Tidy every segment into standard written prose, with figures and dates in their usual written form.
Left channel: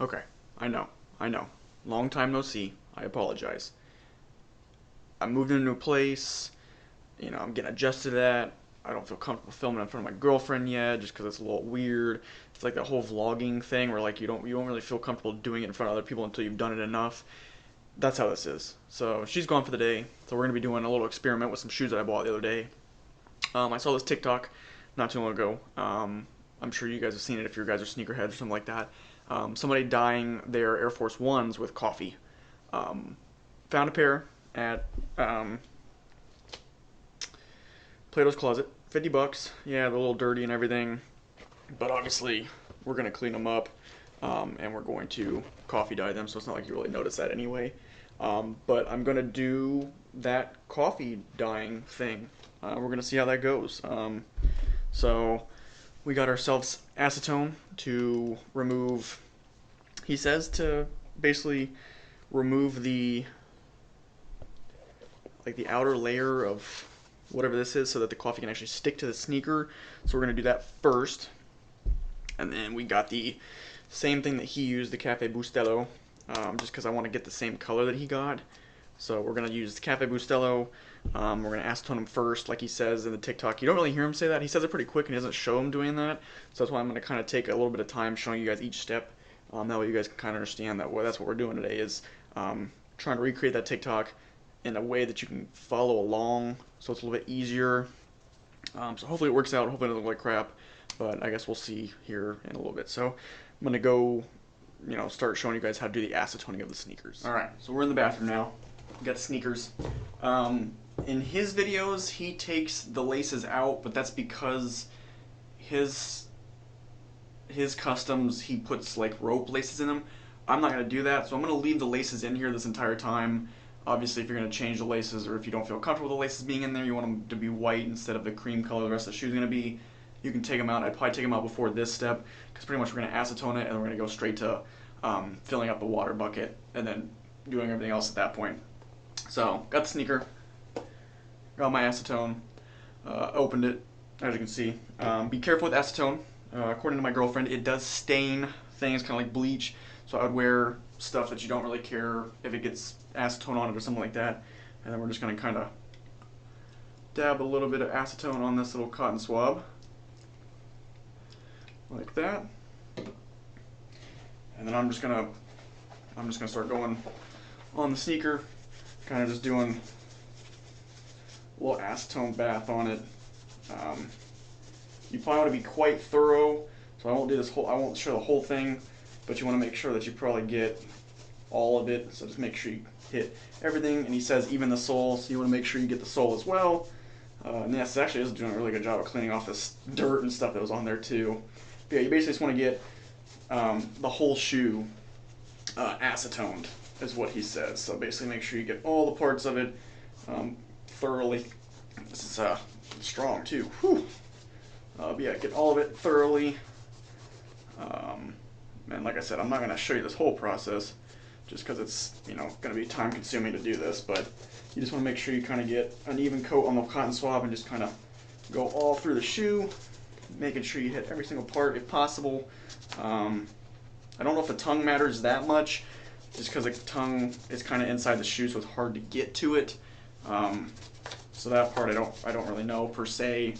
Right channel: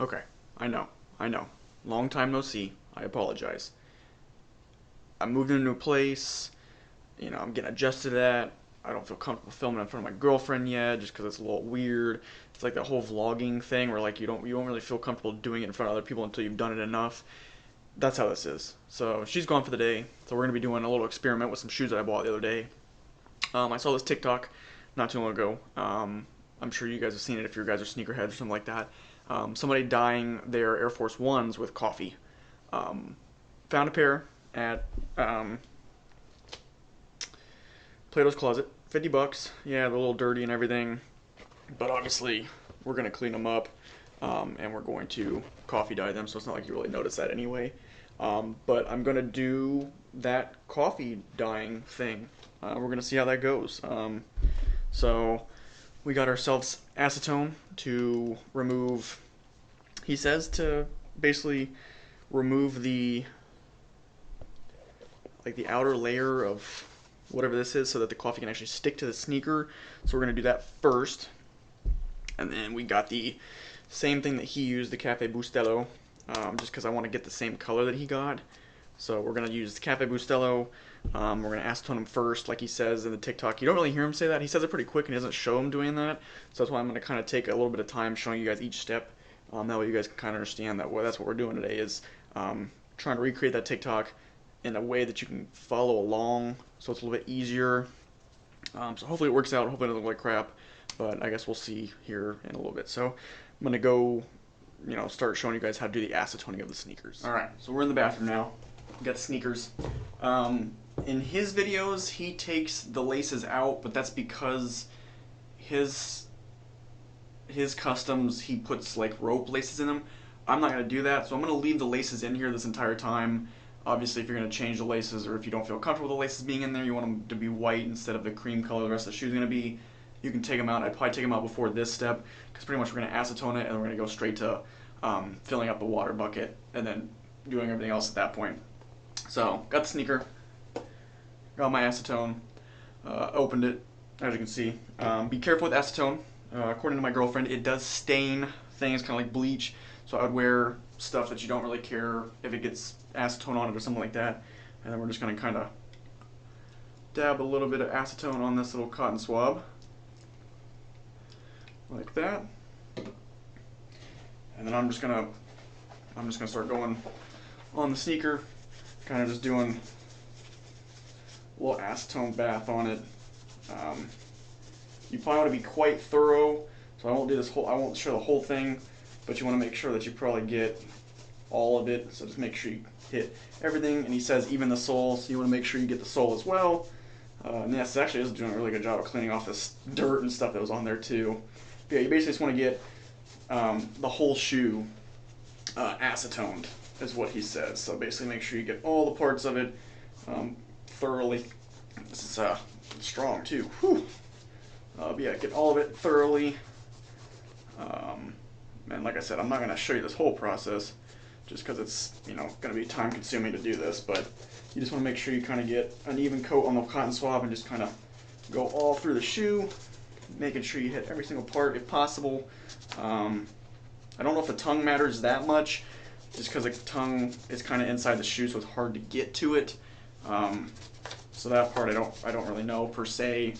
Okay, I know. Long time no see. I apologize. I moved in a new place. You know, I'm getting adjusted to that. I don't feel comfortable filming in front of my girlfriend yet, just because it's a little weird. It's like that whole vlogging thing where like you don't really feel comfortable doing it in front of other people until you've done it enough. That's how this is. So she's gone for the day. So we're gonna be doing a little experiment with some shoes that I bought the other day. I saw this TikTok not too long ago. I'm sure you guys have seen it if you guys are sneakerheads or something like that. Somebody dyeing their Air Force Ones with coffee. Um, Found a pair at Plato's Closet, 50 bucks. Yeah, they're a little dirty and everything, but obviously we're gonna clean them up, and we're going to coffee dye them. So it's not like you really notice that anyway. But I'm gonna do that coffee dyeing thing. We're gonna see how that goes. So we got ourselves acetone to remove. He says to basically remove the the outer layer of whatever this is so that the coffee can actually stick to the sneaker. So we're gonna do that first, and then we got the same thing that he used, the Cafe Bustelo, just because I want to get the same color that he got. So we're gonna use the Cafe Bustelo. We're gonna acetone him first, like he says in the TikTok. You don't really hear him say that. He says it pretty quick and he doesn't show him doing that. So that's why I'm gonna kind of take a little bit of time showing you guys each step. That way you guys can kind of understand that that's what we're doing today is trying to recreate that TikTok in a way that you can follow along, so it's a little bit easier. So hopefully it works out. Hopefully it doesn't look like crap, but I guess we'll see here in a little bit. So I'm gonna go, start showing you guys how to do the acetoning of the sneakers. All right, so we're in the bathroom now. We got the sneakers. In his videos, he takes the laces out, but that's because his customs he puts like rope laces in them. I'm not gonna do that, so I'm gonna leave the laces in here this entire time. Obviously, if you're gonna change the laces, or if you don't feel comfortable with the laces being in there, you want them to be white instead of the cream color the rest of the shoe is gonna be. You can take them out. I'd probably take them out before this step, because pretty much we're gonna acetone it and we're gonna go straight to filling up the water bucket and then doing everything else at that point. So, got the sneaker, got my acetone, opened it, as you can see. Be careful with acetone. According to my girlfriend, it does stain things, kind of like bleach. So I would wear stuff that you don't really care if it gets acetone on it or something like that. And then we're just going to kind of dab a little bit of acetone on this little cotton swab, like that. And then I'm just gonna start going on the sneaker, kind of just doing a little acetone bath on it. You probably want to be quite thorough, so I won't show the whole thing, but you want to make sure that you probably get all of it. So just make sure you hit everything. And he says even the sole, so you want to make sure you get the sole as well. And this actually is doing a really good job of cleaning off this dirt and stuff that was on there too. But yeah, you basically just want to get the whole shoe acetoned, is what he says. So basically make sure you get all the parts of it thoroughly. This is strong too. Whew. But yeah, get all of it thoroughly. And like I said, I'm not going to show you this whole process just because it's going to be time consuming to do this, but you just want to make sure you kind of get an even coat on the cotton swab and just kind of go all through the shoe, making sure you hit every single part if possible. I don't know if the tongue matters that much, just because like, the tongue is kind of inside the shoe, so it's hard to get to it. So that part I don't really know per se,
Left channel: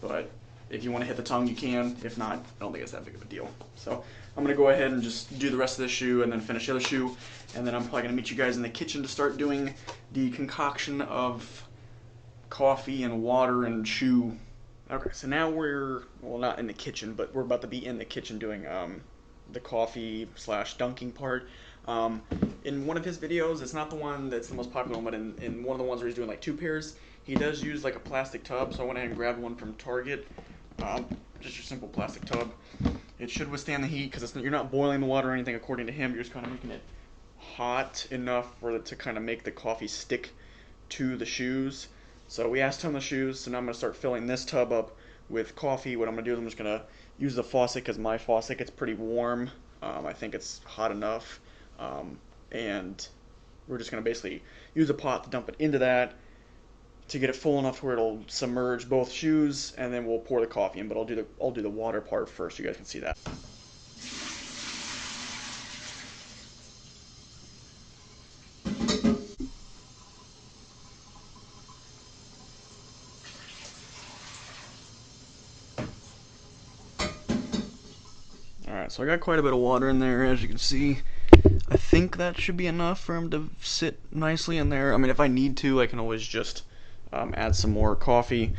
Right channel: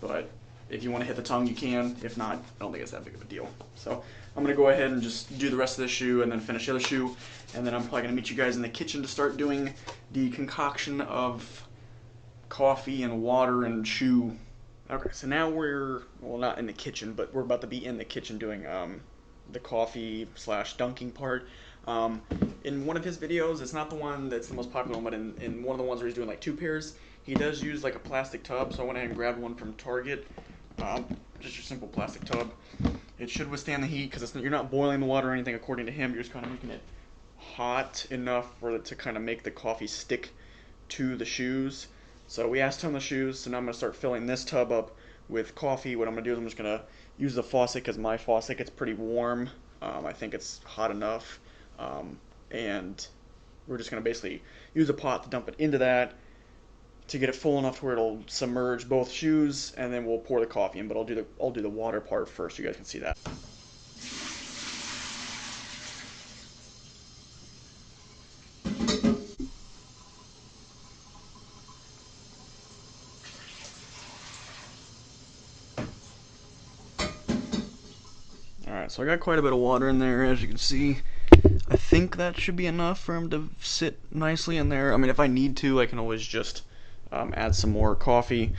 but if you want to hit the tongue, you can. If not, I don't think it's that big of a deal. So I'm going to go ahead and just do the rest of the shoe and then finish the other shoe. And then I'm probably going to meet you guys in the kitchen to start doing the concoction of coffee and water and shoe. Okay, so now we're, well, not in the kitchen, but we're about to be in the kitchen doing the coffee / dunking part. In one of his videos, it's not the one that's the most popular one, but in one of the ones where he's doing like 2 pairs, he does use like a plastic tub. So I went ahead and grabbed one from Target. Just your simple plastic tub. It should withstand the heat because you're not boiling the water or anything according to him. You're just kind of making it hot enough for it to kind of make the coffee stick to the shoes. So we acetone the shoes, so now I'm going to start filling this tub up with coffee. What I'm going to do is I'm just going to use the faucet because my faucet gets pretty warm. I think it's hot enough. And we're just going to basically use a pot to dump it into that to get it full enough where it'll submerge both shoes, and then we'll pour the coffee in. But I'll do the water part first so you guys can see that. So I got quite a bit of water in there, as you can see. I think that should be enough for him to sit nicely in there. I mean, if I need to, I can always just add some more coffee.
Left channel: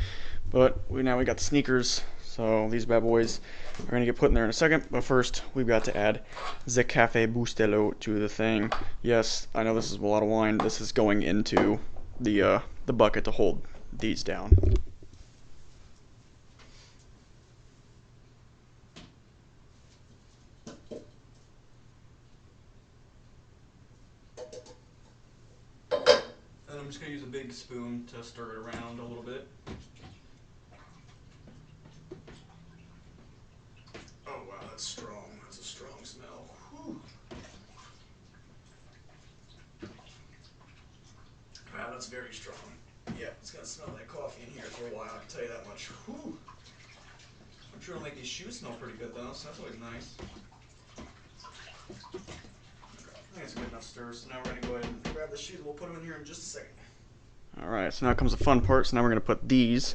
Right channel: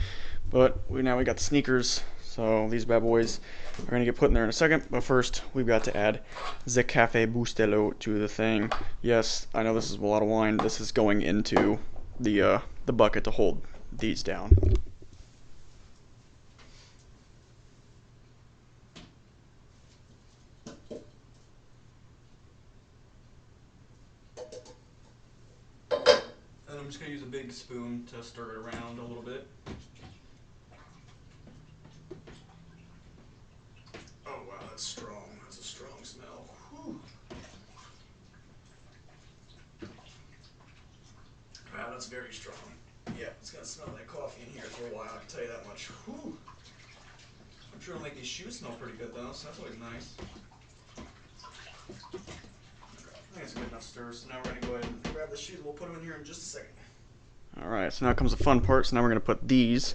But now we got the sneakers, so these bad boys are gonna get put in there in a second. But first, we've got to add the Cafe Bustelo to the thing. Yes, I know this is a lot of wine. This is going into the bucket to hold these down. And I'm just gonna use a big spoon to stir it around a little bit. Oh wow, that's strong. That's a strong smell. Whew. Wow, that's very strong. Yeah, it's gonna smell like coffee in here for a while, I can tell you that much. Whew. I'm sure it'll make these shoes smell pretty good though, so that's always nice. I think it's good enough stir, so now we're gonna go ahead and grab the shoes. We'll put them in here in just a second. Alright, so now comes the fun part. So now we're gonna put these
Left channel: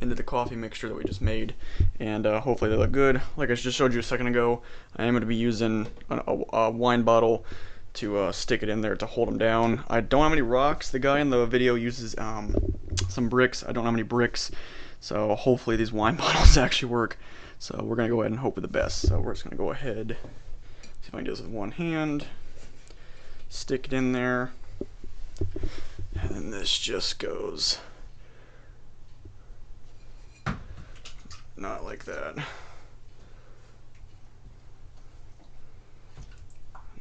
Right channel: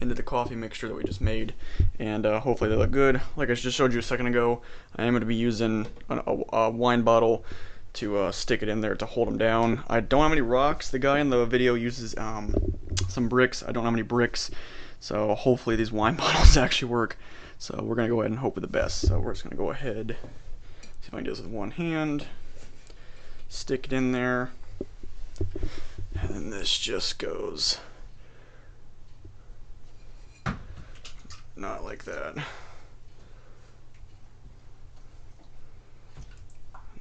into the coffee mixture that we just made, and hopefully they look good. Like I just showed you a second ago, I am going to be using a wine bottle to stick it in there to hold them down. I don't have any rocks. The guy in the video uses some bricks. I don't have any bricks, so hopefully these wine bottles actually work. So we're going to go ahead and hope for the best. So we're just going to go ahead, see if I can do this with one hand, stick it in there, and then this just goes not like that.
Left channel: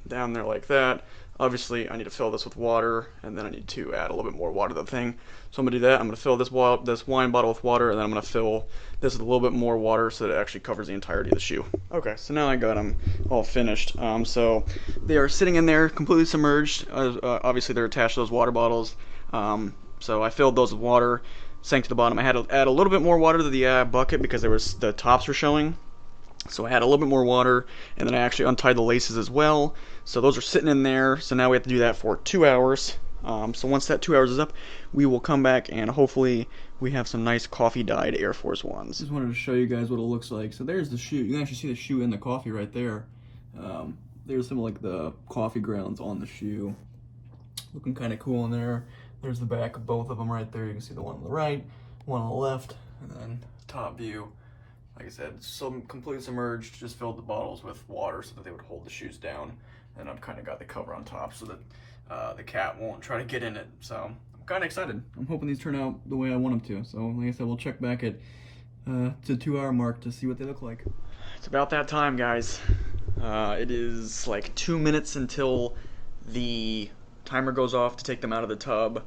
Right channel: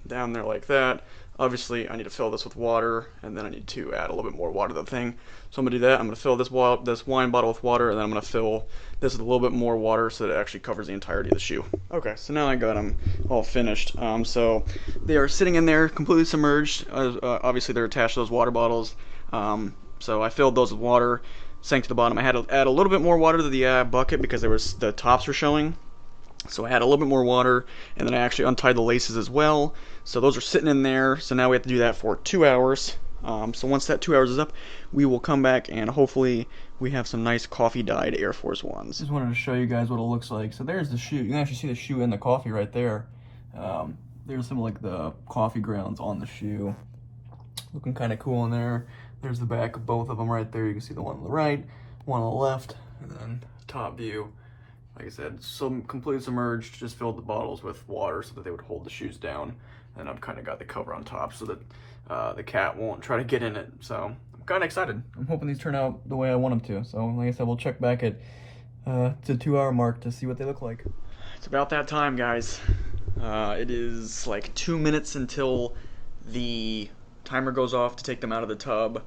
Down there like that. Obviously, I need to fill this with water, and then I need to add a little bit more water to the thing. So I'm going to do that. I'm going to fill this wine bottle with water, and then I'm going to fill this with a little bit more water so that it actually covers the entirety of the shoe. Okay, so now I got them all finished. So they are sitting in there completely submerged. Obviously, they're attached to those water bottles. So I filled those with water, sank to the bottom. I had to add a little bit more water to the bucket because the tops were showing. So I had a little bit more water, and then I actually untied the laces as well. So those are sitting in there. So now we have to do that for 2 hours. So once that 2 hours is up, we will come back and hopefully we have some nice coffee dyed Air Force Ones. Just wanted to show you guys what it looks like. So there's the shoe. You can actually see the shoe in the coffee right there. There's some like the coffee grounds on the shoe. Looking kind of cool in there. There's the back of both of them right there. You can see the one on the right, one on the left, and then top view. Like I said, completely submerged, just filled the bottles with water so that they would hold the shoes down. And I've kind of got the cover on top so that the cat won't try to get in it. So I'm kind of excited. I'm hoping these turn out the way I want them to. So like I said, we'll check back at the 2 hour mark to see what they look like. It's about that time, guys. It is like 2 minutes until the timer goes off to take them out of the tub.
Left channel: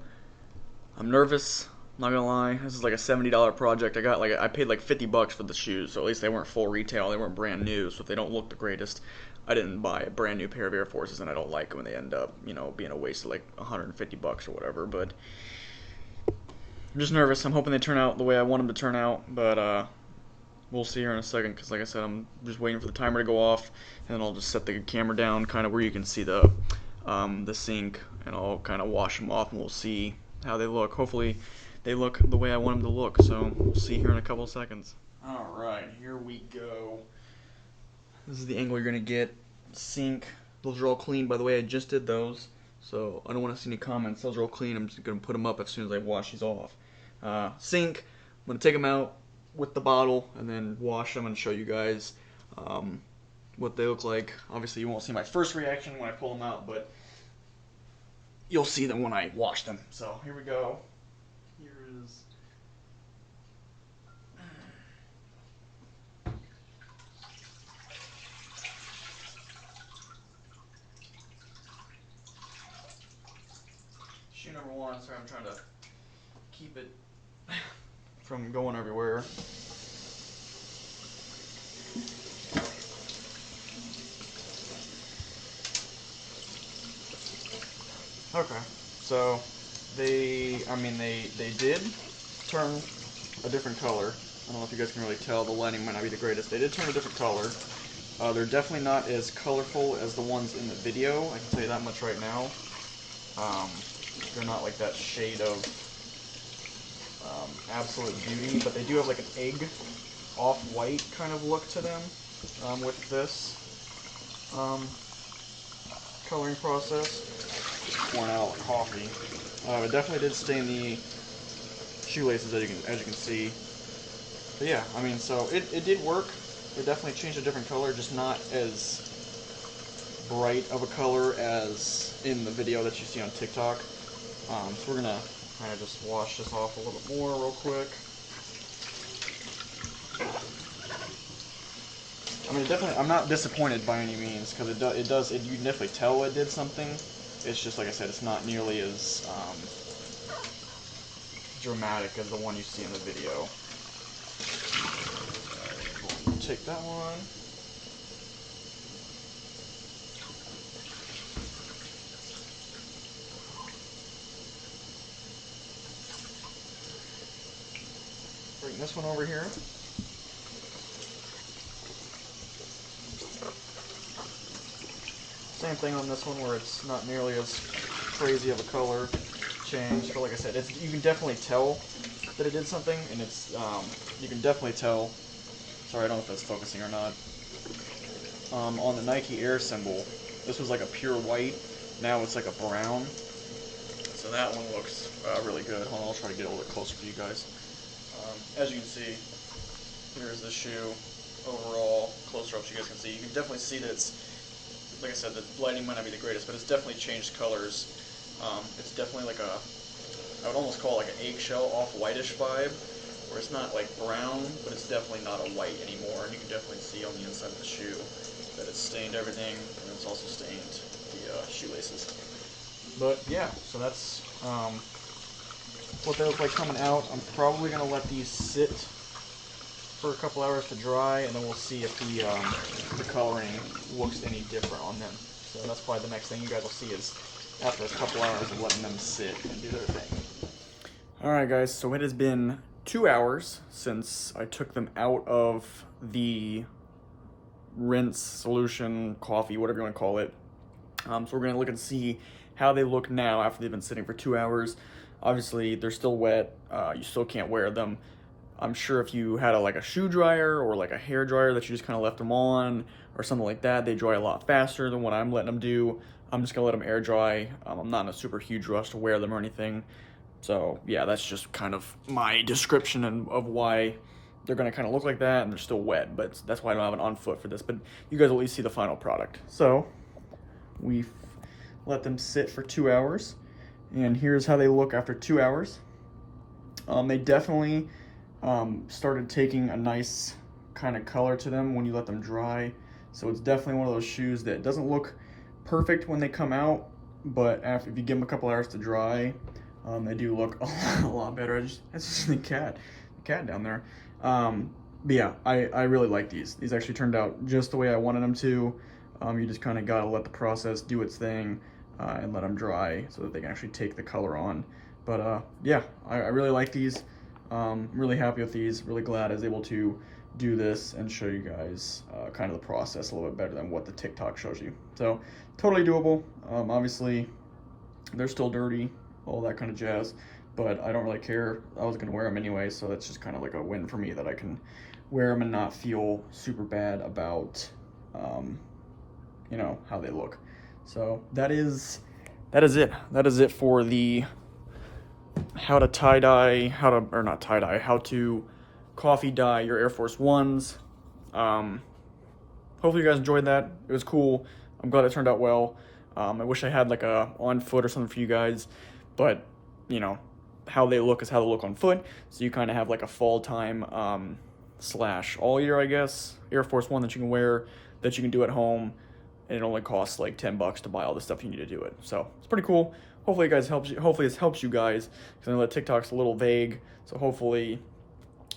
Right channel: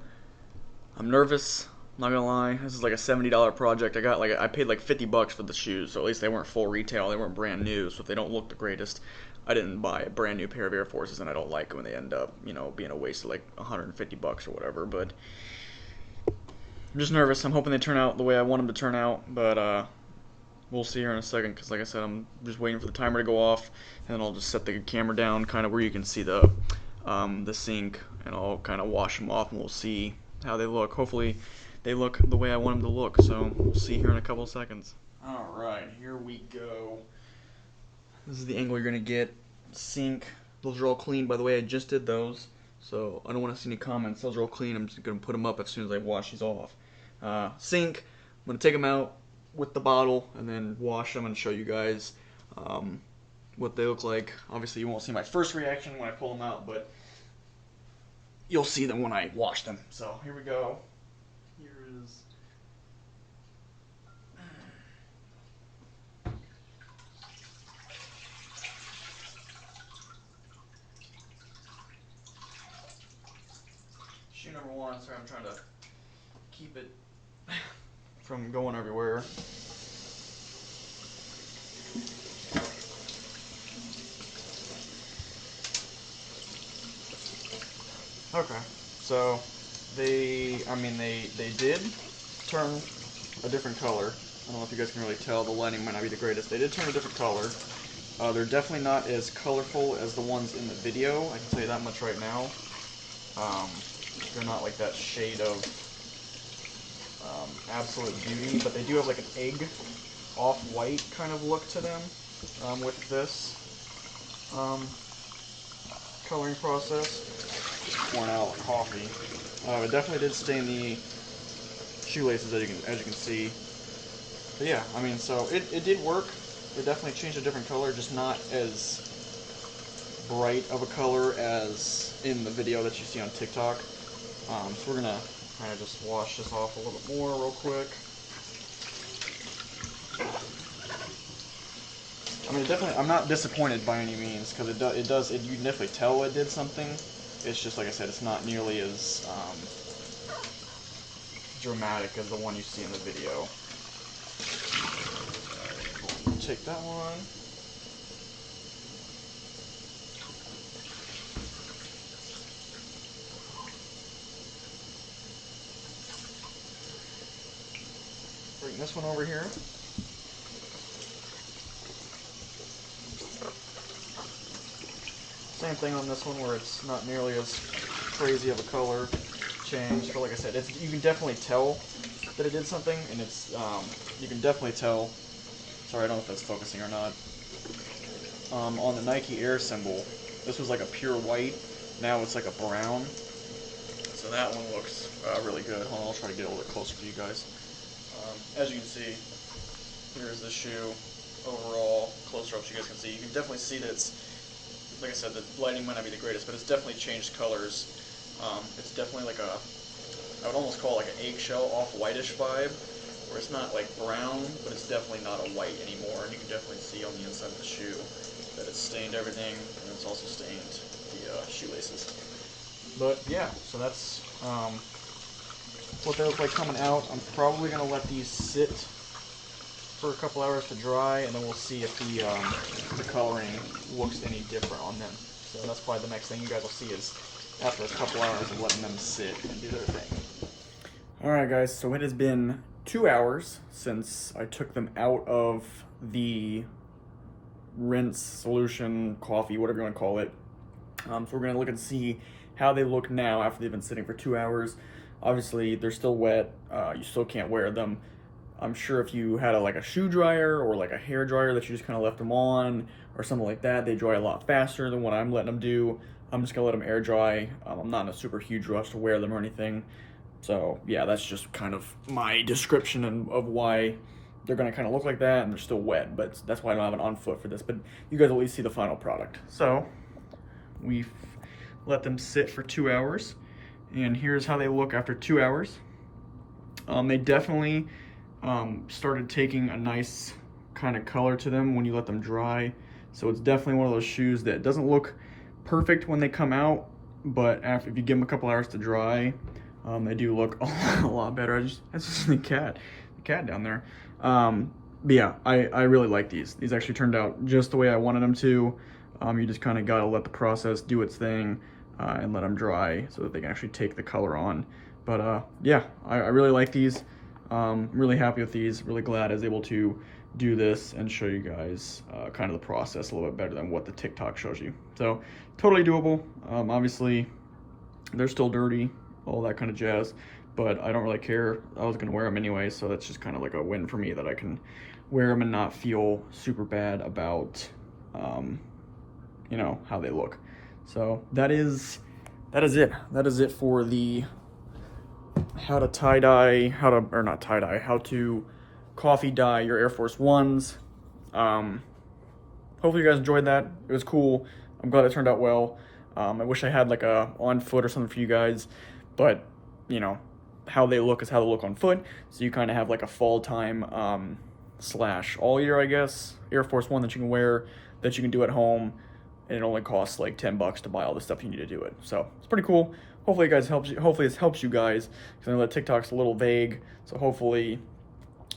I'm nervous. Not gonna lie, this is like a $70 project. I paid like $50 for the shoes, so at least they weren't full retail, they weren't brand new, so if they don't look the greatest, I didn't buy a brand new pair of Air Forces, and I don't like when they end up, you know, being a waste of like $150 or whatever, but I'm just nervous. I'm hoping they turn out the way I want them to turn out, but we'll see here in a second, because like I said, I'm just waiting for the timer to go off, and then I'll just set the camera down kind of where you can see the sink, and I'll kind of wash them off, and we'll see how they look. Hopefully they look the way I want them to look, so we'll see here in a couple of seconds. Alright, here we go. This is the angle you're going to get. Sink. Those are all clean. By the way, I just did those, so I don't want to see any comments. Those are all clean. I'm just going to put them up as soon as I wash these off. Sink. I'm going to take them out with the bottle and then wash them and show you guys what they look like. Obviously, you won't see my first reaction when I pull them out, but you'll see them when I wash them. So here we go. Shoe number one. Sorry, I'm trying to keep it from going everywhere. Okay, so they did turn a different color. I don't know if you guys can really tell, the lighting might not be the greatest. They did turn a different color. They're definitely not as colorful as the ones in the video, I can tell you that much right now. They're not like that shade of absolute beauty, but they do have like an egg off-white kind of look to them with this. coloring process. Just pouring out coffee. It definitely did stain the shoelaces, as you can see. But yeah, I mean, so it did work. It definitely changed a different color, just not as bright of a color as in the video that you see on TikTok. So we're gonna kind of just wash this off a little bit more real quick. I mean, definitely, I'm not disappointed by any means, because you can definitely tell it did something. It's just, like I said, it's not nearly as dramatic as the one you see in the video. We'll take that one. Bring this one over here. Same thing on this one, where it's not nearly as crazy of a color change, but like I said, you can definitely tell that it did something, and it's you can definitely tell. Sorry, I don't know if that's focusing or not. On the Nike Air symbol, this was like a pure white. Now it's like a brown. So that one looks really good. Hold on, I'll try to get a little bit closer for you guys. As you can see, here's the shoe overall. Closer up so you guys can see. You can definitely see that it's, like I said, the lighting might not be the greatest, but it's definitely changed colors. It's definitely like I would almost call it like an eggshell off-whitish vibe, where it's not like brown, but it's definitely not a white anymore. And you can definitely see on the inside of the shoe that it's stained everything, and it's also stained the shoelaces. But yeah, so that's what they look like coming out. I'm probably going to let these sit for a couple hours to dry, and then we'll see if the coloring looks any different on them. So that's probably the next thing you guys will see is after a couple hours of letting them sit and do their thing. Alright guys, so it has been 2 hours since I took them out of the rinse, solution, coffee, whatever you want to call it. So we're going to look and see how they look now after they've been sitting for 2 hours. Obviously, they're still wet. You still can't wear them. I'm sure if you had like a shoe dryer or like a hair dryer that you just kind of left them on or something like that, they dry a lot faster than what I'm letting them do. I'm just gonna let them air dry. I'm not in a super huge rush to wear them or anything. So yeah, that's just kind of my description of why they're gonna kind of look like that, and they're still wet, but that's why I don't have an on foot for this, but you guys will at least see the final product. So we've let them sit for 2 hours, and here's how they look after 2 hours. They definitely started taking a nice kind of color to them when you let them dry. So it's definitely one of those shoes that doesn't look perfect when they come out, but if you give them a couple hours to dry, they do look a lot better. That's just the cat down there. But yeah, I really like these. These actually turned out just the way I wanted them to. You just kind of gotta let the process do its thing and let them dry so that they can actually take the color on. But yeah, I really like these. Really happy with these. Really glad I was able to do this and show you guys kind of the process a little bit better than what the TikTok shows you. So totally doable. Obviously they're still dirty, all that kind of jazz, but I don't really care. I was gonna wear them anyway, so that's just kind of like a win for me that I can wear them and not feel super bad about you know, how they look. So that is it. That is it for the how to tie-dye, how to coffee dye your Air Force Ones. Hopefully you guys enjoyed that. It was cool. I'm glad it turned out well. I wish I had like a on foot or something for you guys, but you know, how they look is how they look on foot. So you kind of have like a fall time slash all year, I guess, Air Force One that you can wear, that you can do at home, and it only costs like $10 to buy all the stuff you need to do it. So it's pretty cool. Hopefully this helps you guys, because I know that TikTok's a little vague. So hopefully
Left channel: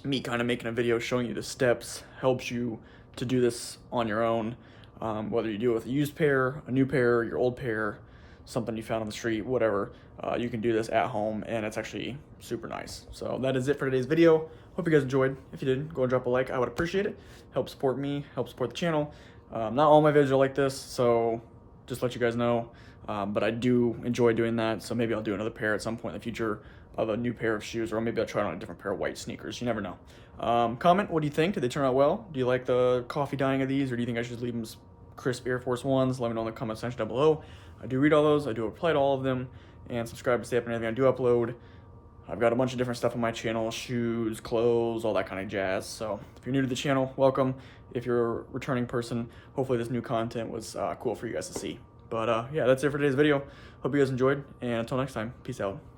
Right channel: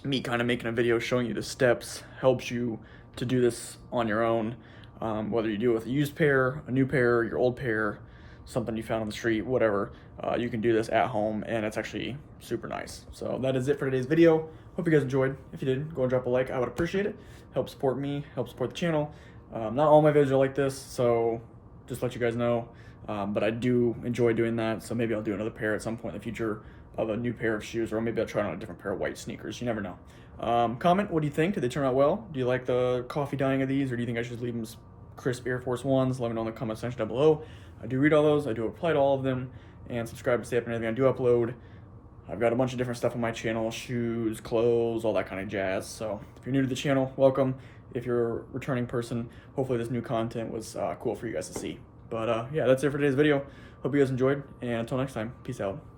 me kind of making a video showing you the steps helps you to do this on your own. Whether you do it with a used pair, a new pair, your old pair, something you found on the street, whatever, you can do this at home, and it's actually super nice. So that is it for today's video. Hope you guys enjoyed. If you did, go and drop a like. I would appreciate it. Help support me, help support the channel. Not all my videos are like this, so just let you guys know. But I do enjoy doing that, so maybe I'll do another pair at some point in the future of a new pair of shoes, or maybe I'll try on a different pair of white sneakers. You never know. Comment, what do you think? Did they turn out well? Do you like the coffee dyeing of these, or do you think I should just leave them crisp Air Force Ones, let me know in the comment section down below. I do read all those, I do reply to all of them, and subscribe to stay up on anything I do upload. I've got a bunch of different stuff on my channel, shoes, clothes, all that kind of jazz. So if you're new to the channel, welcome. If you're a returning person, hopefully this new content was cool for you guys to see. But yeah, that's it for today's video. Hope you guys enjoyed, and until next time, peace out.